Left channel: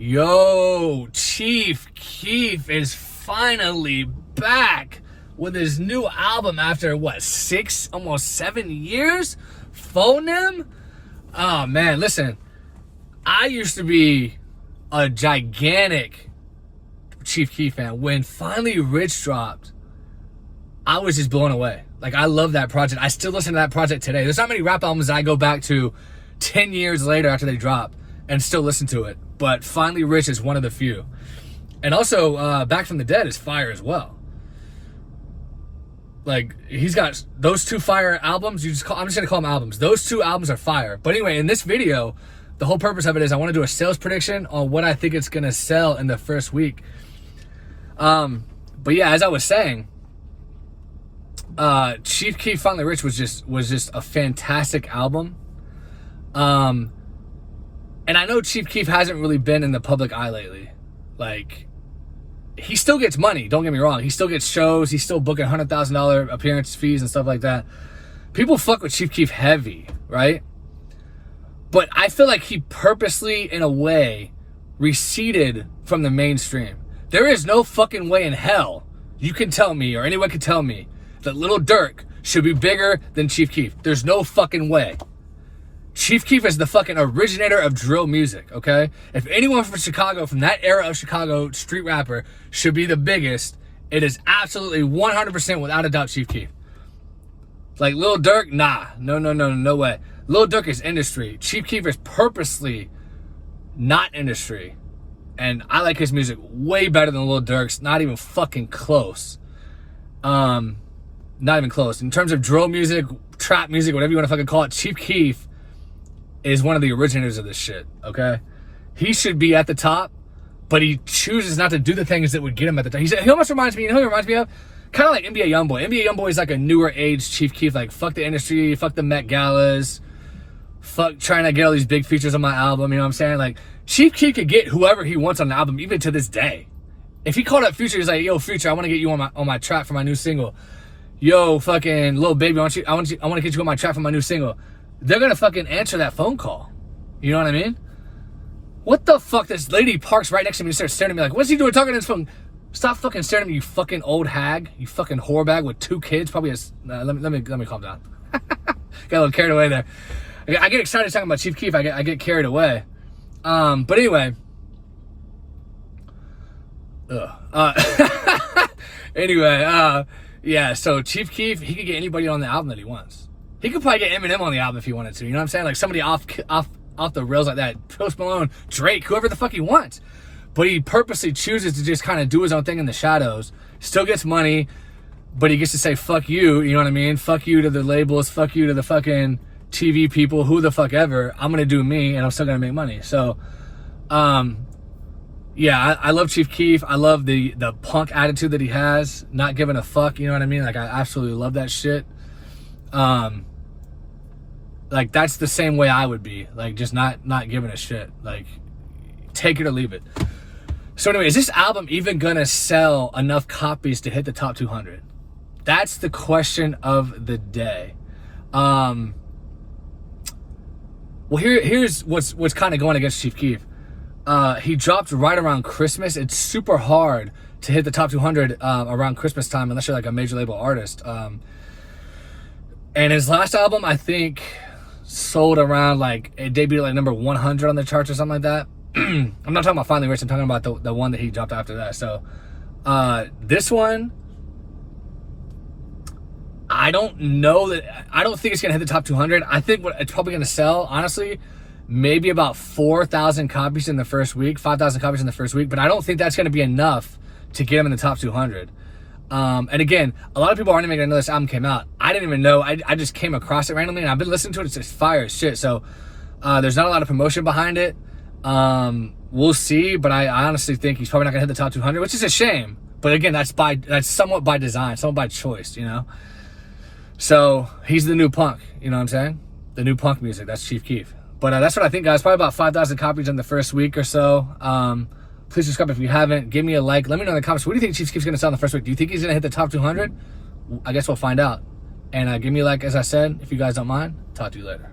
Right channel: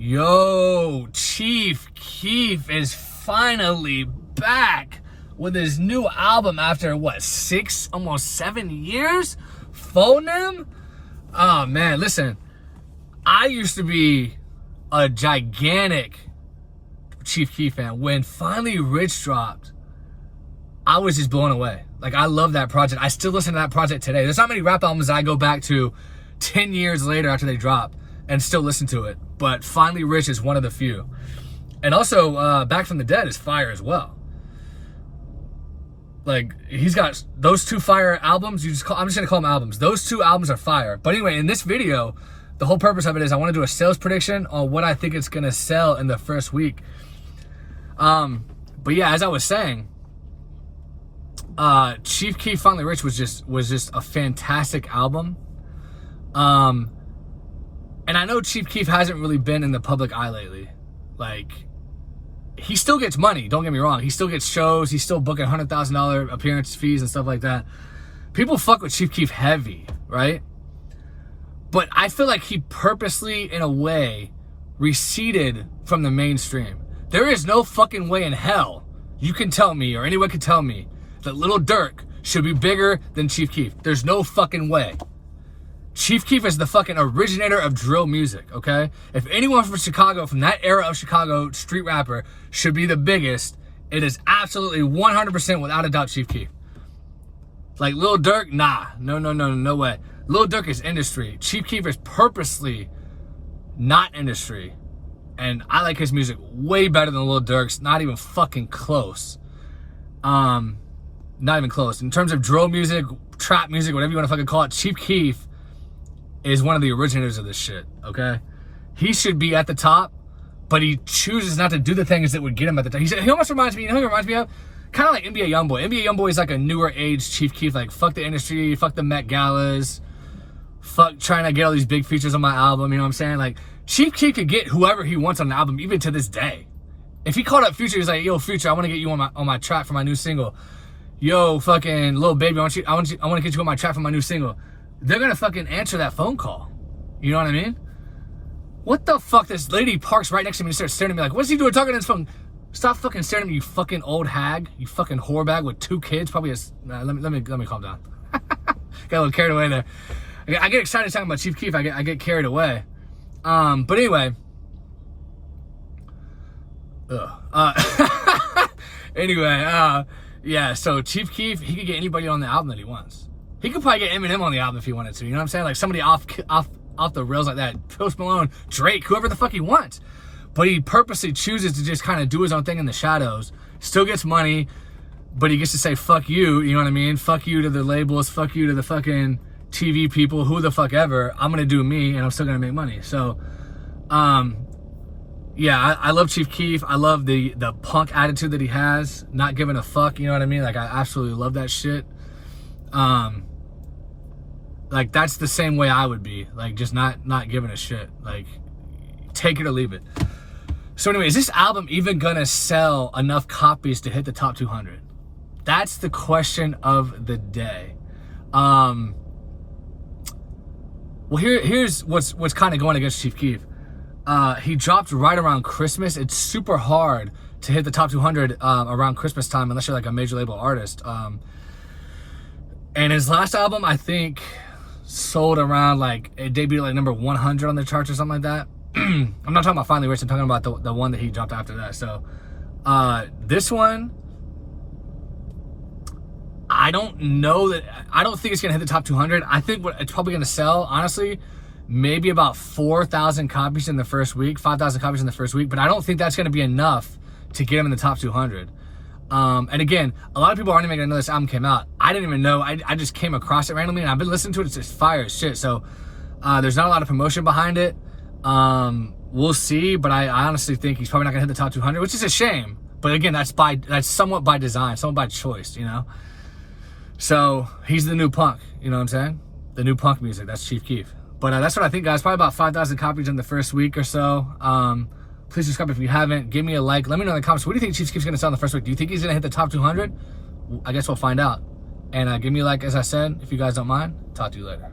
Yo, Chief Keef is finally back with his new album after what, 6, almost 7 years? Phonem? Oh man, listen, I used to be a gigantic Chief Keef fan. When finally Rich dropped, I was just blown away. Like, I love that project. I still listen to that project today. There's not many rap albums I go back to 10 years later after they drop and still listen to it. But finally Rich is one of the few. And also, Back from the Dead is fire as well. Like, he's got those 2 fire albums. I'm just gonna call them albums. Those 2 albums are fire. But anyway, in this video, the whole purpose of it is I want to do a sales prediction on what I think it's gonna sell in the first week. But yeah, as I was saying, Chief Keef Finally Rich was just a fantastic album. And I know Chief Keef hasn't really been in the public eye lately. Like, he still gets money, don't get me wrong. He still gets shows, he's still booking $100,000 appearance fees and stuff like that. People fuck with Chief Keef heavy, right? But I feel like he purposely, in a way, receded from the mainstream. There is no fucking way in hell you can tell me, or anyone can tell me, that Lil Durk should be bigger than Chief Keef. There's no fucking way. Chief Keef is the fucking originator of drill music, okay? If anyone from Chicago, from that era of Chicago street rapper, should be the biggest, it is absolutely 100% without a doubt Chief Keef. Like, Lil Durk, nah. No way. Lil Durk is industry. Chief Keef is purposely not industry. And I like his music way better than Lil Durk's. Not even fucking close. Not even close. In terms of drill music, trap music, whatever you want to fucking call it, Chief Keef is one of the originators of this shit, okay? He should be at the top, but he chooses not to do the things that would get him at the top. He almost reminds me, you know who he reminds me of? Kind of like NBA Youngboy. NBA Youngboy is like a newer age Chief Keef, like, fuck the industry, fuck the Met Galas, fuck trying to get all these big features on my album, you know what I'm saying? Like, Chief Keef could get whoever he wants on the album, even to this day. If he called up Future, he's like, yo, Future, I want to get you on my track for my new single. Yo, fucking Lil Baby, I want to get you on my track for my new single. They're gonna fucking answer that phone call. You know what I mean? What the fuck? This lady parks right next to me and starts staring at me like, what's he doing talking on his phone? Stop fucking staring at me, you fucking old hag. You fucking whore bag with 2 kids. Probably let me calm down. Got a little carried away there. I get excited talking about Chief Keef. I get carried away. But anyway. Anyway, yeah, so Chief Keef, he could get anybody on the album that he wants. He could probably get Eminem on the album if he wanted to. You know what I'm saying? Like, somebody off the rails like that. Post Malone, Drake, whoever the fuck he wants. But he purposely chooses to just kind of do his own thing in the shadows. Still gets money, but he gets to say, fuck you, you know what I mean? Fuck you to the labels, fuck you to the fucking TV people, who the fuck ever. I'm going to do me, and I'm still going to make money. So, yeah, I love Chief Keef. I love the punk attitude that he has. Not giving a fuck, you know what I mean? Like, I absolutely love that shit. Like, that's the same way I would be. Like, just not giving a shit. Like, take it or leave it. So anyway, is this album even gonna sell enough copies to hit the top 200? That's the question of the day. Well, here's what's kind of going against Chief Keef. He dropped right around Christmas. It's super hard to hit the top 200 around Christmas time unless you're like a major label artist. And his last album, I think, sold around, like, it debuted like number 100 on the charts or something like that. I'm not talking about Finally Rich, I'm talking about the one that he dropped after that. So this one, I don't think it's gonna hit the top 200. I think what it's probably gonna sell, honestly, maybe about 4,000 copies in the first week, 5,000 copies in the first week, but I don't think that's gonna be enough to get him in the top 200. And again, a lot of people aren't even gonna know this album came out. I didn't even know. I just came across it randomly, and I've been listening to it. It's just fire as shit. So there's not a lot of promotion behind it. We'll see, but I honestly think he's probably not gonna hit the top 200, which is a shame. But again, that's somewhat by design, somewhat by choice, you know. So he's the new punk. You know what I'm saying? The new punk music. That's Chief Keef. But that's what I think, guys. Probably about 5,000 copies in the first week or so. Please subscribe if you haven't. Give me a like. Let me know in the comments. What do you think Chief Keef's going to sell in the first week? Do you think he's going to hit the top 200? I guess we'll find out. And give me a like, as I said, if you guys don't mind. Talk to you later.